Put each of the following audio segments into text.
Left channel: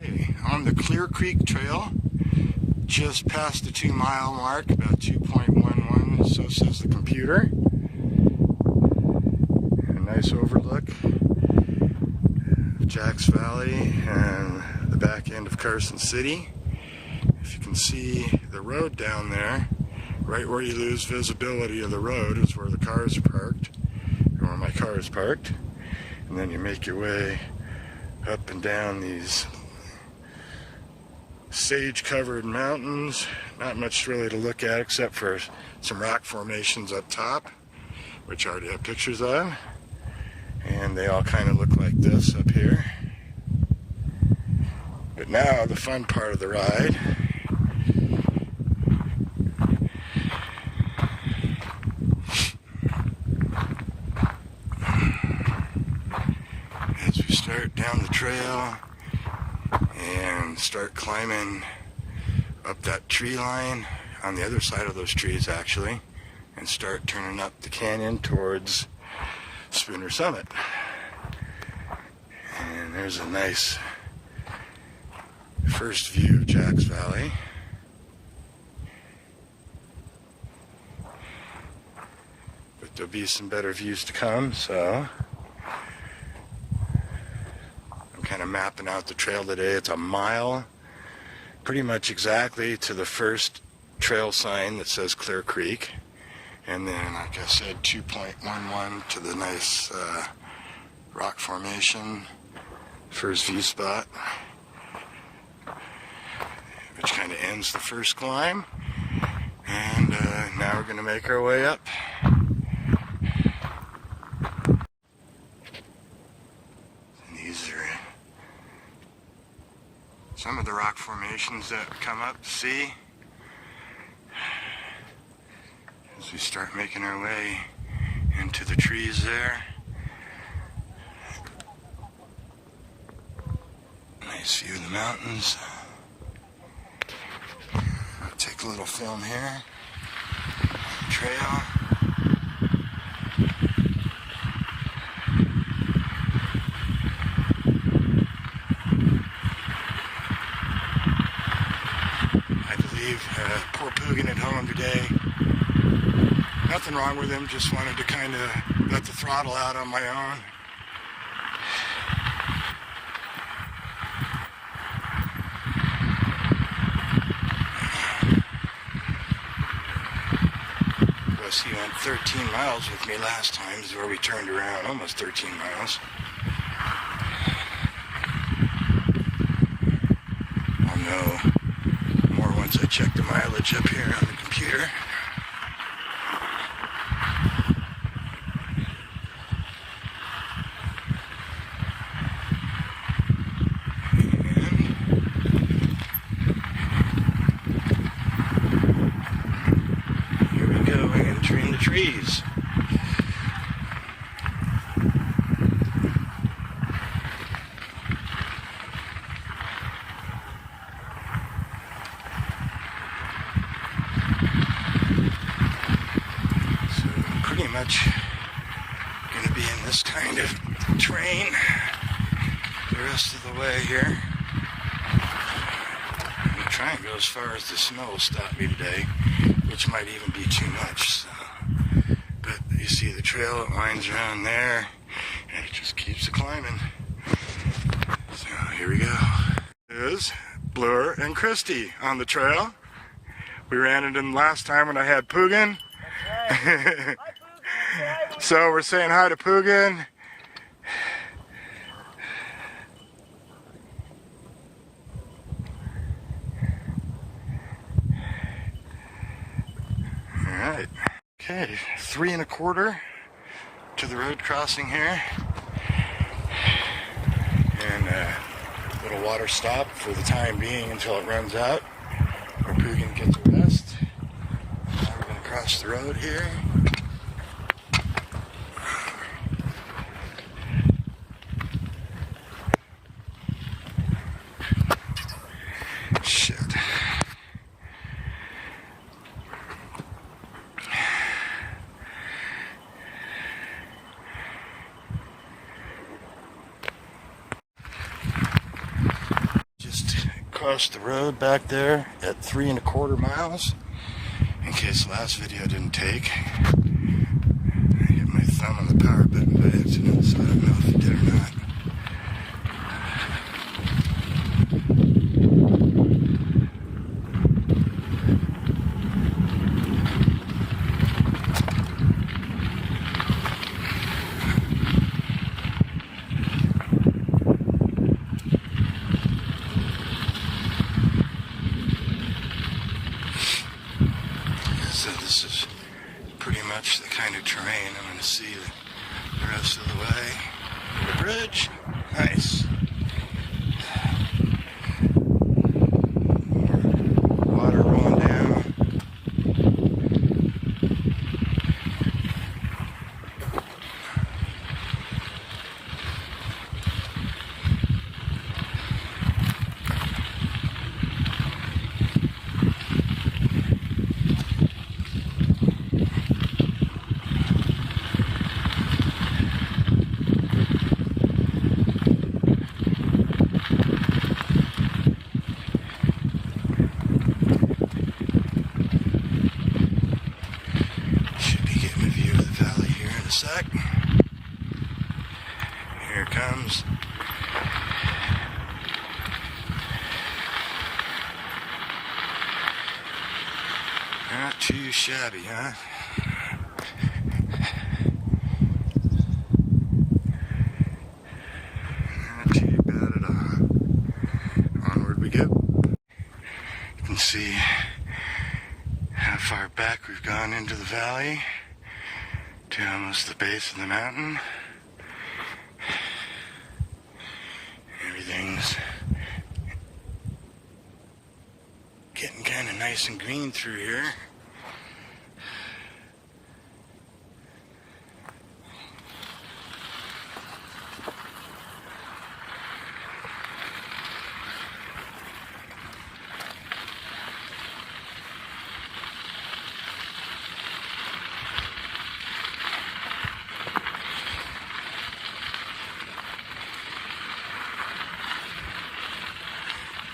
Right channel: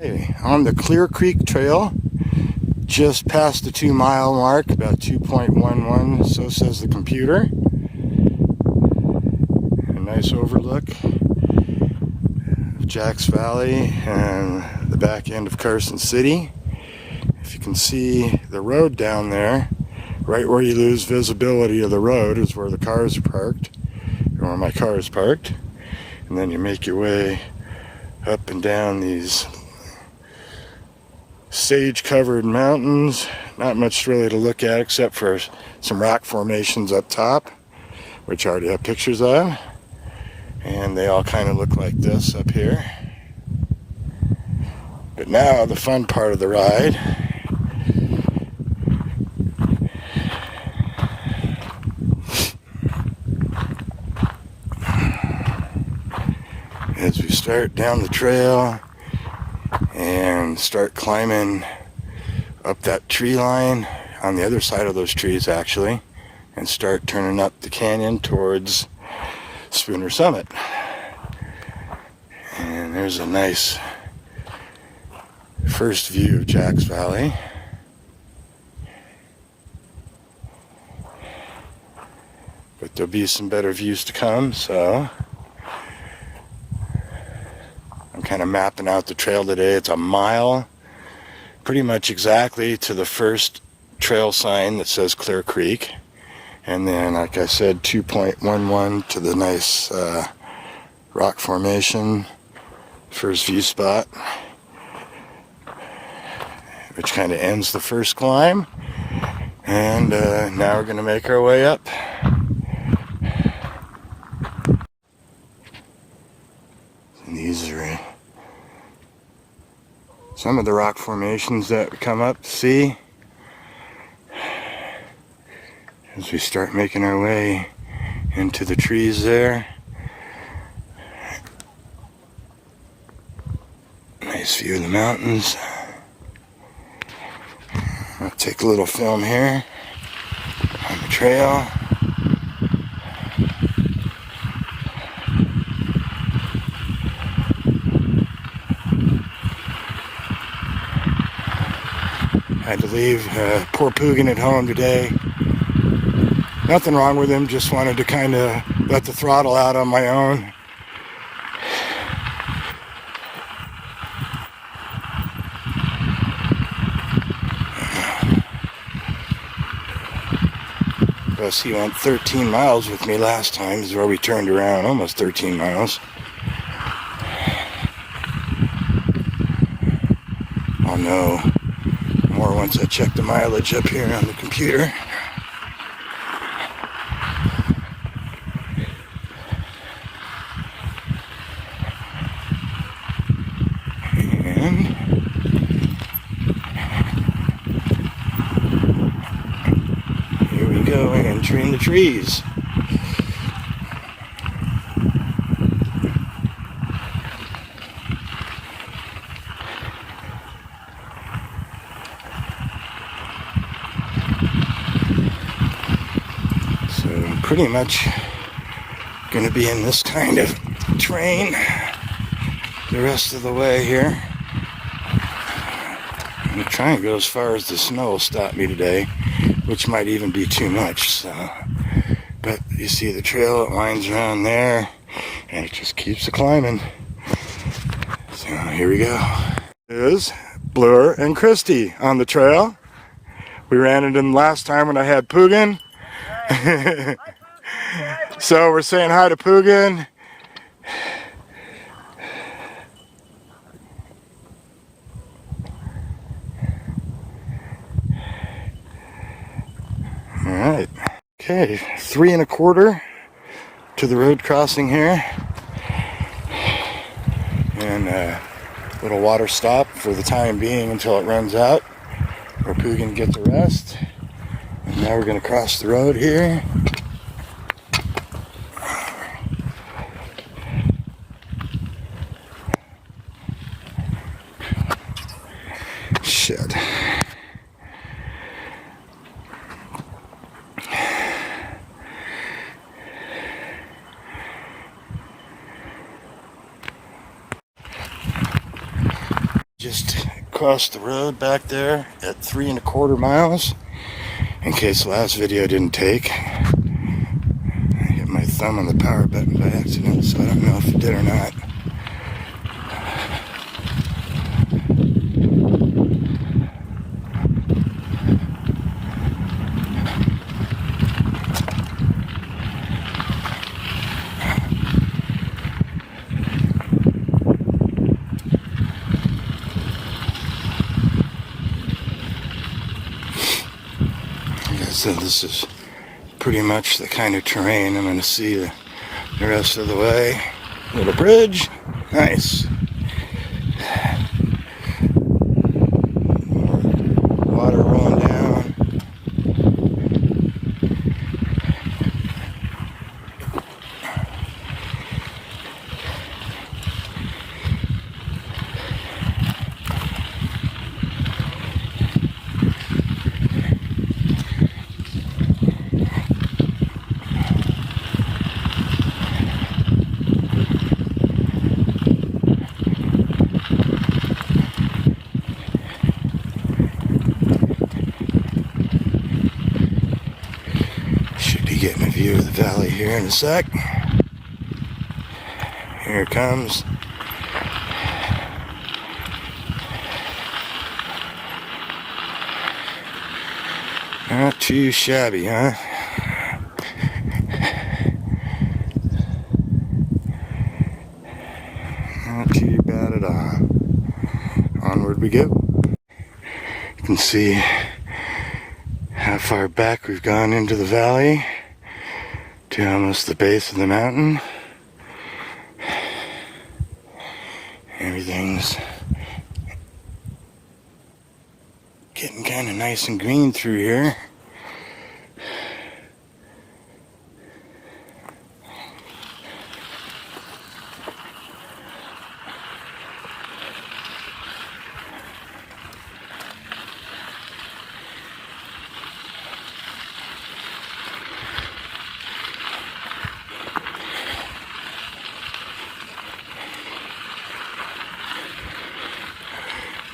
Hey, on the Clear Creek Trail, just past the 2-mile mark, about 2.11, so says the computer. A nice overlook of Jacks Valley and the back end of Carson City. If you can see the road down there, right where you lose visibility of the road is where the cars are parked, or where my car is parked. And then you make your way up and down these sage-covered mountains. Not much really to look at except for some rock formations up top, which I already have pictures of. And they all kind of look like this up here. But now the fun part of the ride as we start down the trail and start climbing up that tree line on the other side of those trees actually, and start turning up the canyon towards Spooner Summit. And there's a nice first view of Jacks Valley. But there'll be some better views to come, so I'm kind of mapping out the trail today. It's a mile, pretty much exactly to the first trail sign that says Clear Creek. And then, like I said, 2.11 to the nice rock formation, first view spot, which kind of ends the first climb. And now we're going to make our way up. And these are some of the rock formations that come up to see as we start making our way into the trees there. Nice view of the mountains. I'll take a little film here on the trail. I had to leave poor Pugin at home today. Nothing wrong with him, just wanted to kind of let the throttle out on my own. Plus he went 13 miles with me last time, is where we turned around, almost 13 miles. I'll know more once I check the mileage up here on the computer. And here we go, entering the trees. So pretty much going to be in this kind of terrain the rest of the way here. I'm trying to go as far as the snow will stop me today, which might even be too much. So, but you see the trail, it winds around there, and it just keeps climbing. So here we go. There's Bloor and Christy on the trail. We ran into them last time when I had Pugin. So we're saying hi to Pugin. All right. Okay, 3 1/4 to the road crossing here. And a little water stop for the time being until it runs out, where Pugin gets a rest. And now we're going to cross the road here. Shit. just crossed the road back there at 3¼ miles. In case the last video didn't take. I hit my thumb on the power button by accident, so I don't know if it did or not. So this is pretty much the kind of terrain I'm going to see the rest of the way. Little bridge, nice. More water rolling down. Should be getting a view of the valley here in a sec. Here it comes. Not too shabby, huh? Not too bad at all. Onward we go. You can see how far back we've gone into the valley to almost the base of the mountain. Everything's getting kind of nice and green through here.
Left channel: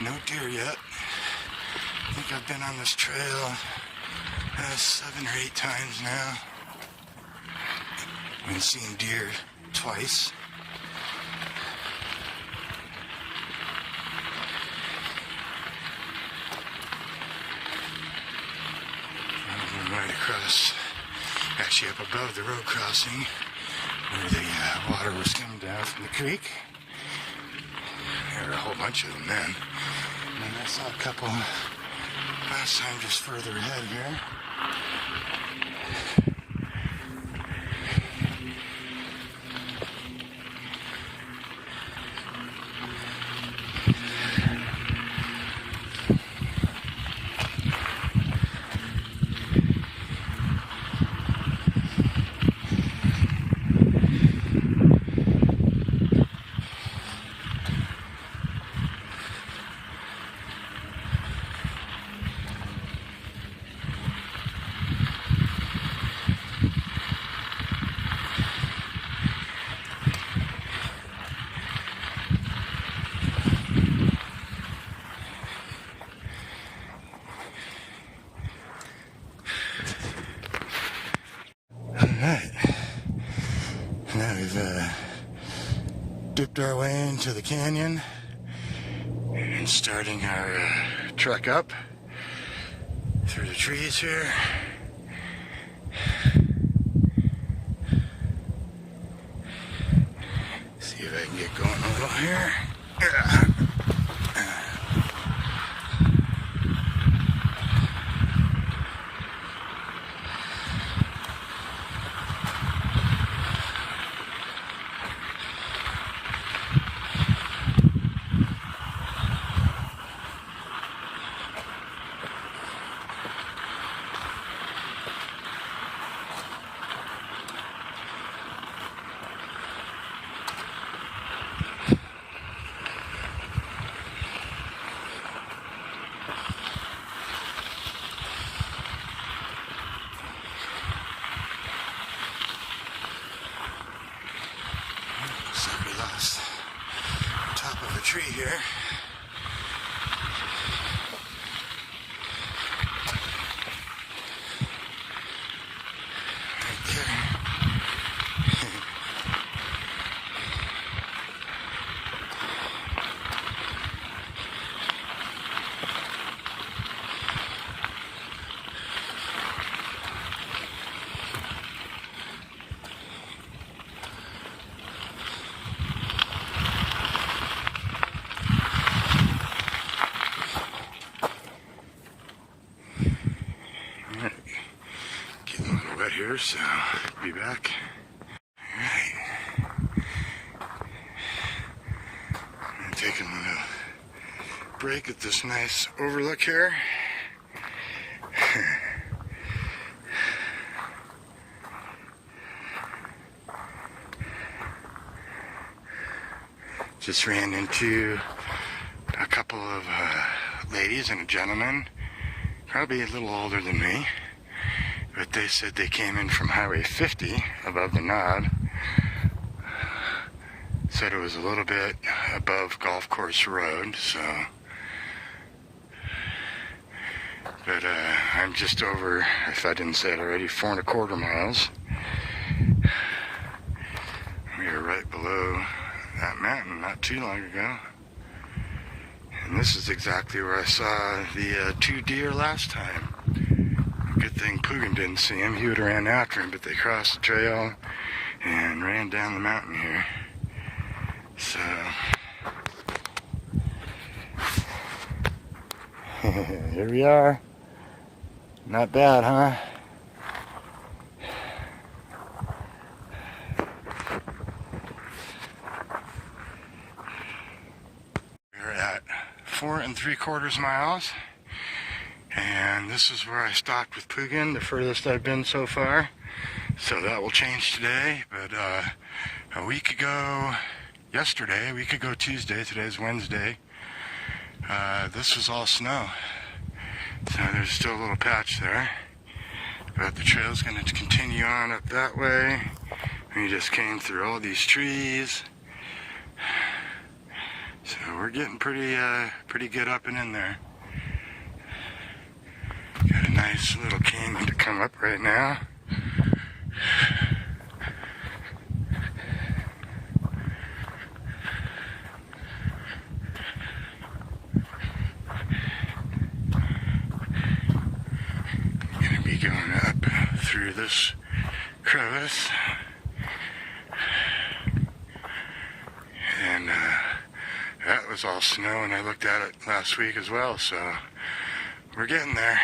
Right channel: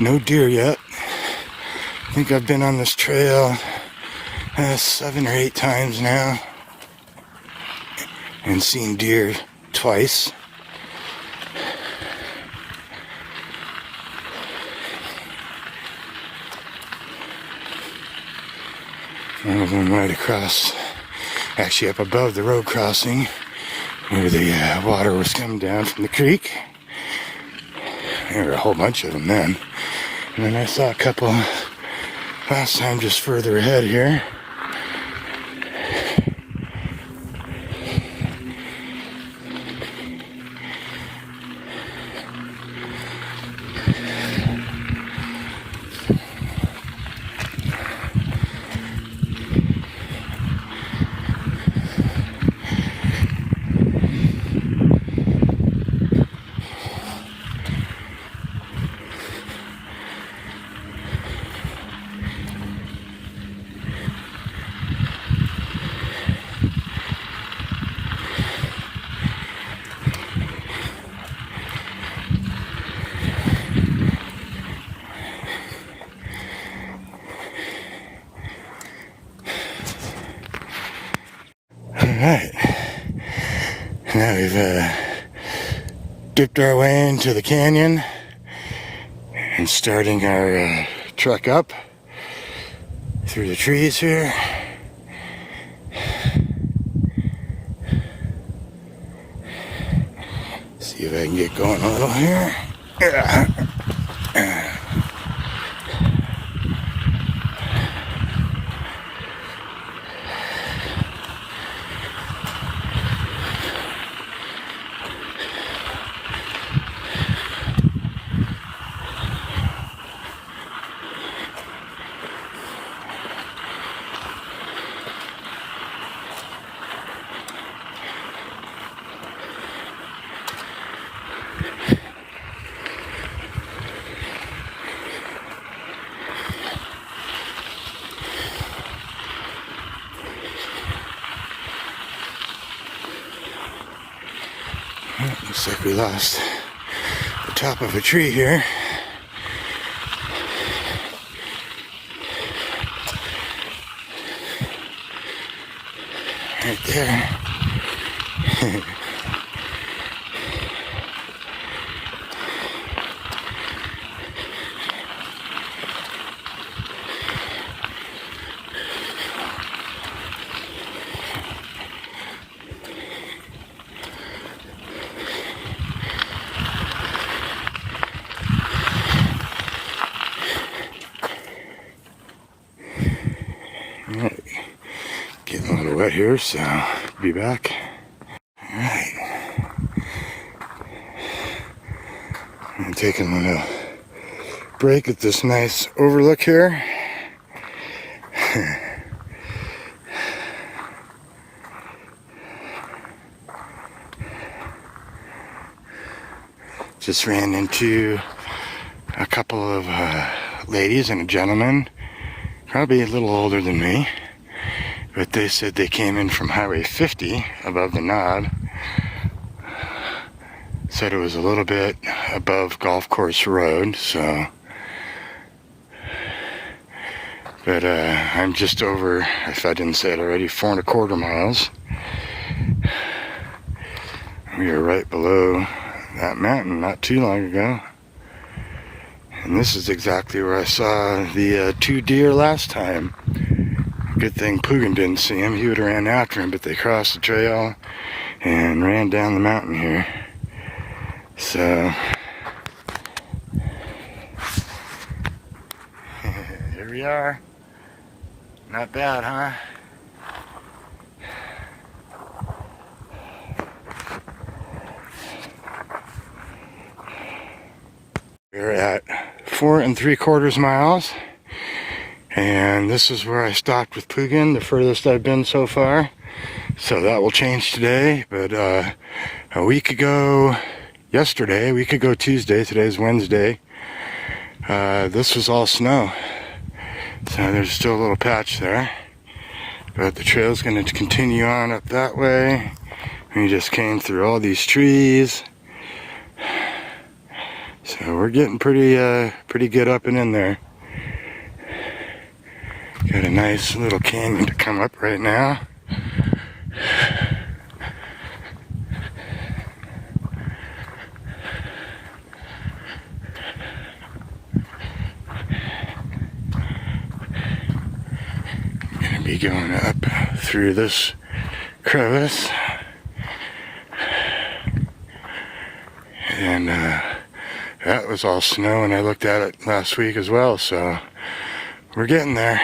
No deer yet. I think I've been on this trail 7 or 8 times now and seen deer twice. One of them right across, actually up above the road crossing where the water was coming down from the creek. There were a whole bunch of them then. And then I saw a couple last time just further ahead here. Alright, now we've dipped our way into the canyon and starting our trek up through the trees here. See if I can get going a little here. Looks like we lost the top of a tree here. right there. Alright, getting a little wet here, so be back. Alright, I'm taking a little break at this nice overlook here. Just ran into a couple of ladies and a gentleman, probably a little older than me, but they said they came in from Highway 50 above the Knob. Said it was a little bit above Golf Course Road, so. But I'm just over, if I didn't say it already, 4¼ miles. We are right below that mountain not too long ago. And this is exactly where I saw the 2 deer last time. Good thing Pugin didn't see him. He would have ran after him, but they crossed the trail and ran down the mountain here. So, here we are. Not bad, huh? We're at 4¾ miles, and this is where I stopped with Pugin, the furthest I've been so far. So that will change today, but a week ago Tuesday, today's Wednesday, this was all snow. So there's still a little patch there, but the trail's going to continue on up that way. We just came through all these trees. So we're getting pretty good up and in there. Got a nice little canyon to come up right now. Gonna be going up through this crevice. And that was all snow, and I looked at it last week as well, so we're getting there.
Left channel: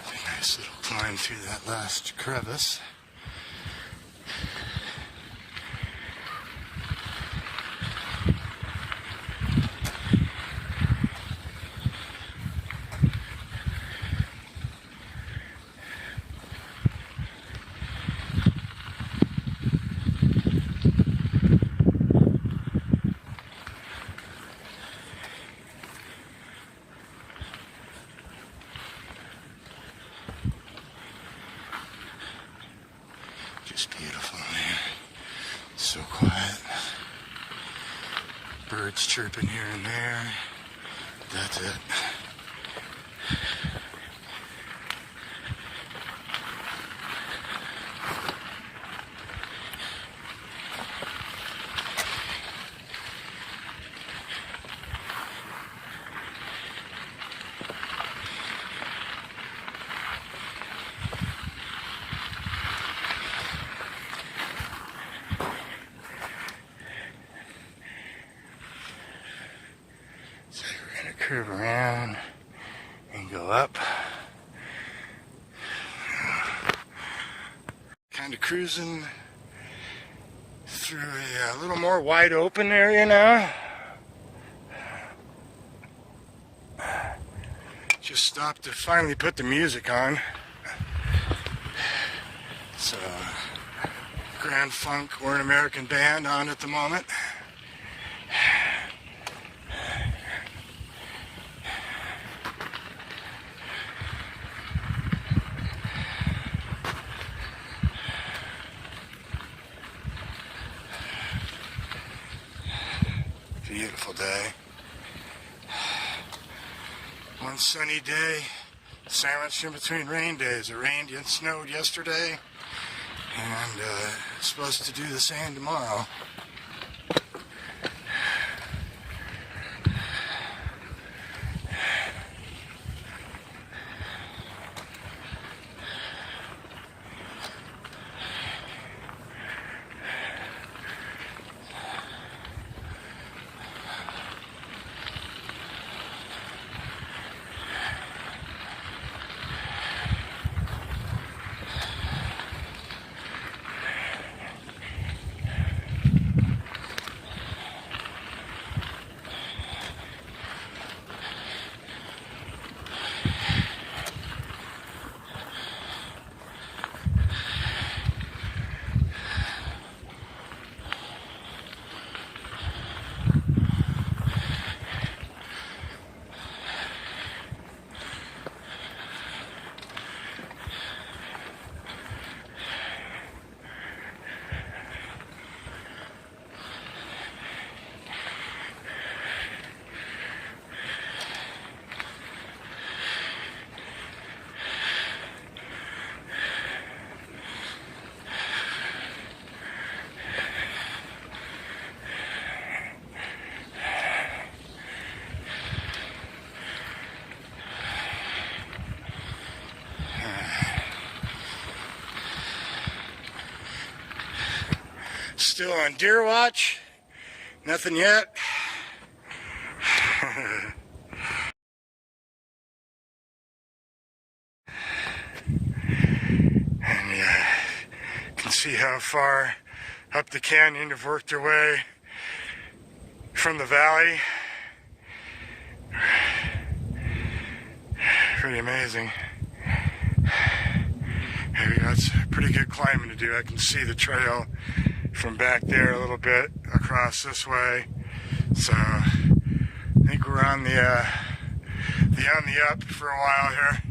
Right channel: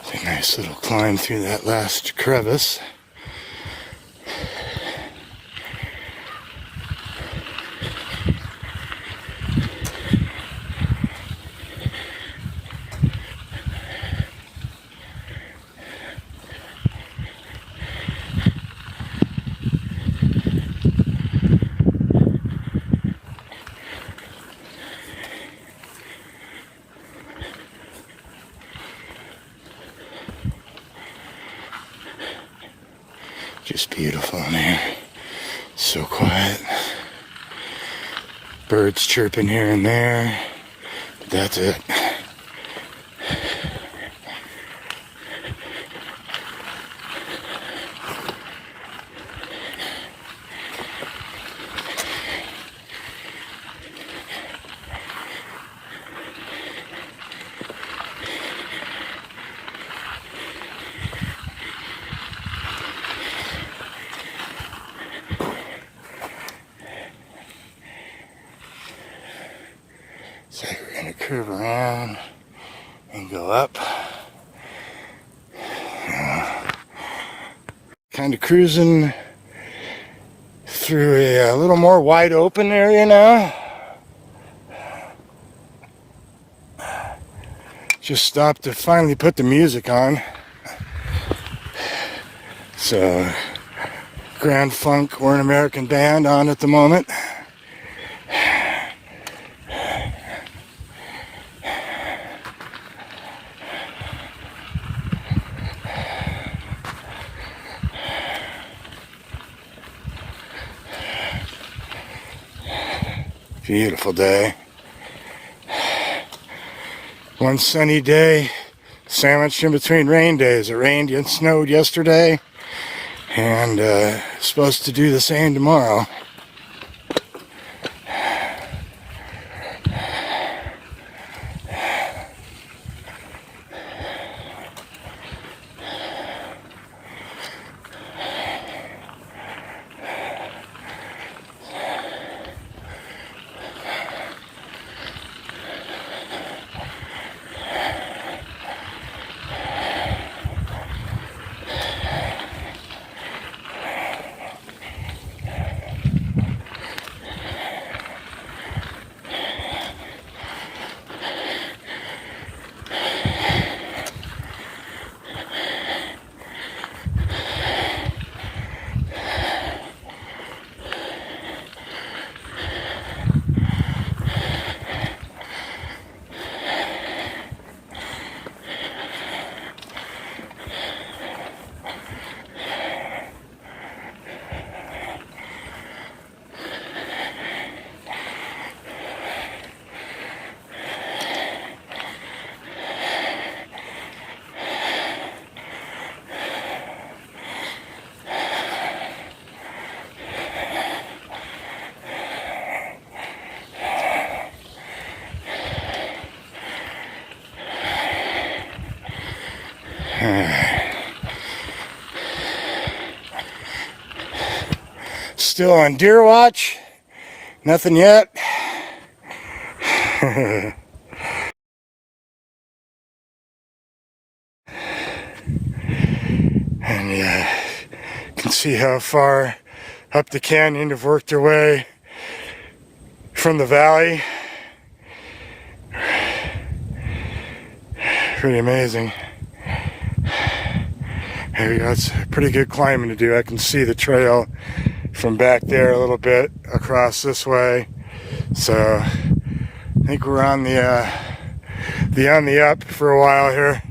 It's a nice little climb through that last crevice. Just beautiful in here. So quiet. Birds chirping here and there. But that's it. So we're going to curve around and go up. Kind of cruising through a little more wide open area now. Just stopped to finally put the music on. So, Grand Funk or an American band on at the moment. Beautiful day. One sunny day sandwiched in between rain days. It rained and snowed yesterday, and supposed to do the same tomorrow. Still on deer watch. Nothing yet. And you can see how far up the canyon they've worked their way from the valley. Pretty amazing. Here we go. It's pretty good climbing to do. I can see the trail from back there a little bit across this way. So I think we're on the up for a while here.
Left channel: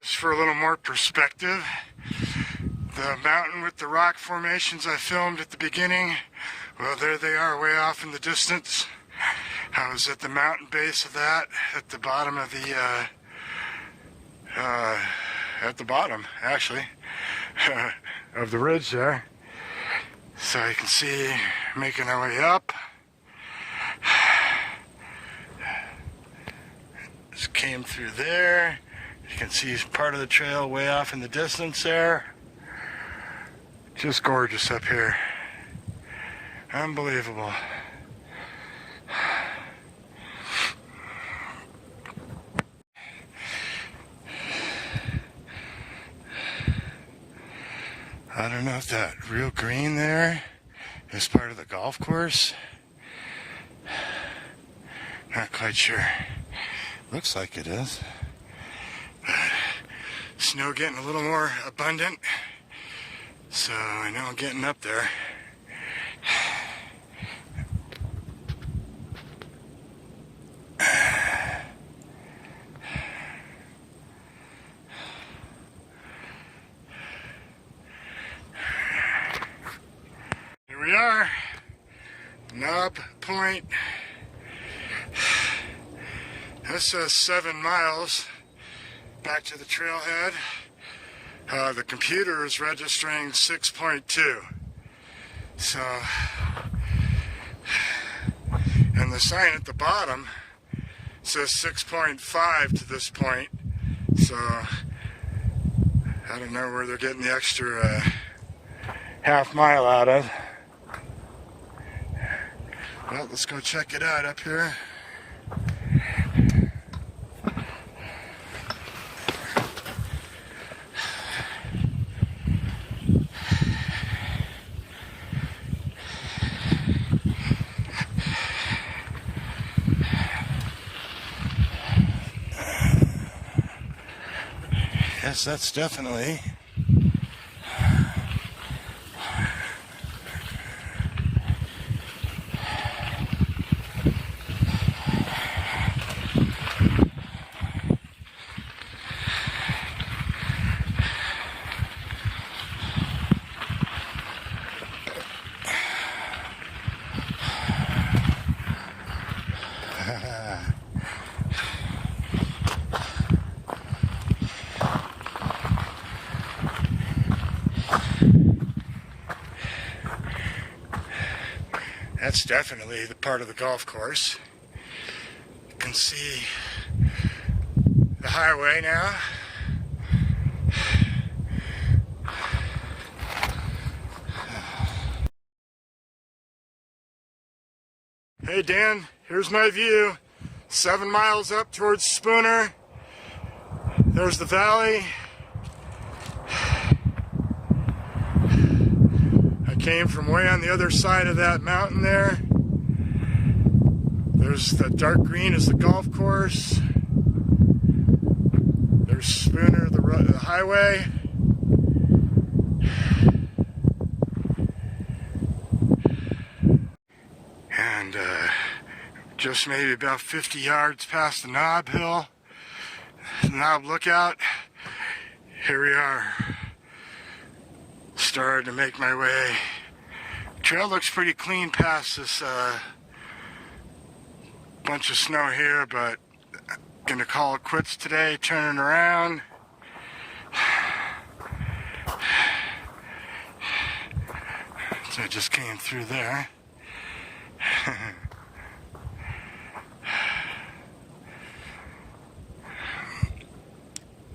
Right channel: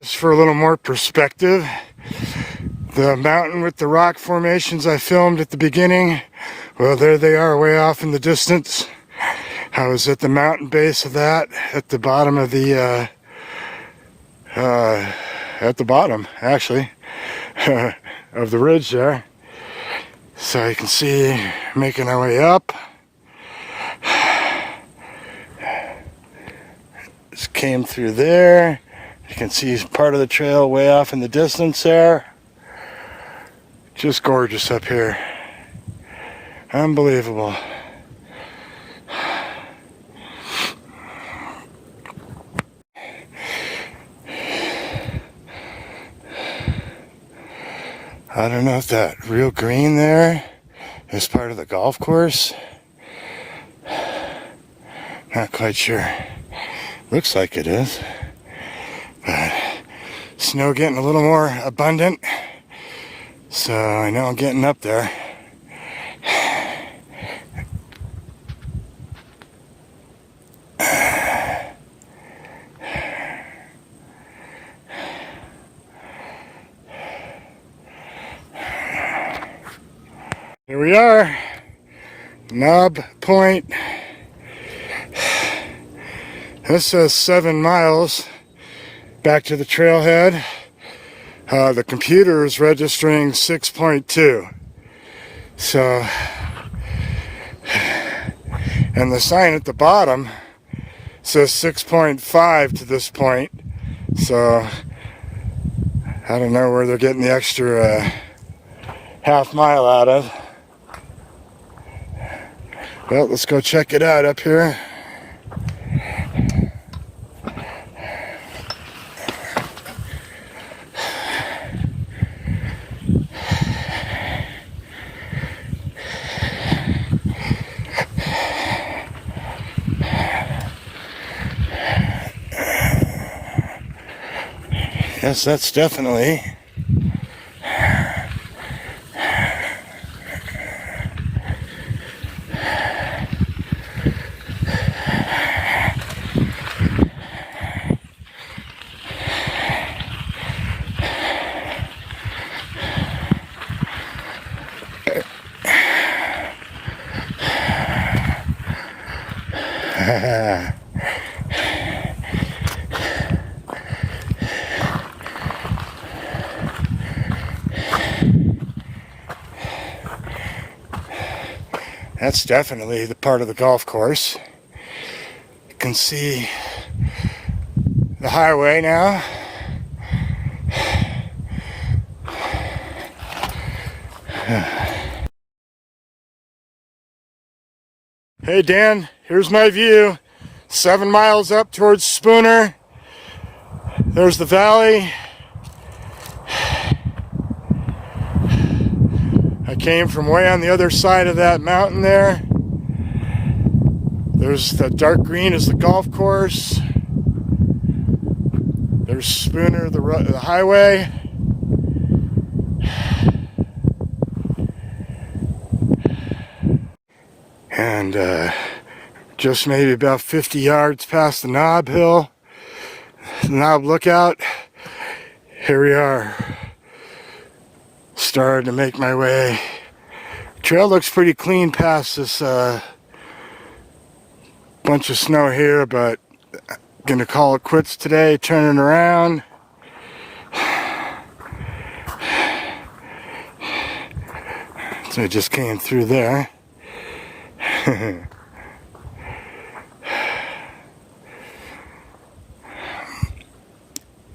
Just for a little more perspective, the mountain with the rock formations I filmed at the beginning, well, there they are way off in the distance. I was at the mountain base of that, at the bottom of the at the bottom, actually, of the ridge there. So you can see, making our way up. Just came through there. You can see part of the trail way off in the distance there. Just gorgeous up here. Unbelievable. I don't know if that real green there is part of the golf course. Not quite sure. Looks like it is. But snow getting a little more abundant. So I know I'm getting up there. Here we are, Knob Point. This says 7 miles back to the trailhead. The computer is registering 6.2. So, and the sign at the bottom says 6.5 to this point. So, I don't know where they're getting the extra half mile out of. Well, let's go check it out up here. Yes, that's definitely That's definitely the part of the golf course. You can see the highway now. Hey Dan, here's my view. 7 miles up towards Spooner. There's the valley. I came from way on the other side of that mountain there. There's the dark green is the golf course. There's Spooner, the highway. And just maybe about 50 yards past the Knob Hill, the Knob Lookout, here we are. Started to make my way. Trail looks pretty clean past this bunch of snow here, but I'm gonna call it quits today, turning around. So I just came through there.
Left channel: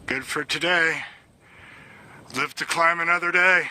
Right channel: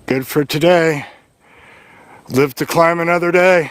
Good for today. Live to climb another day.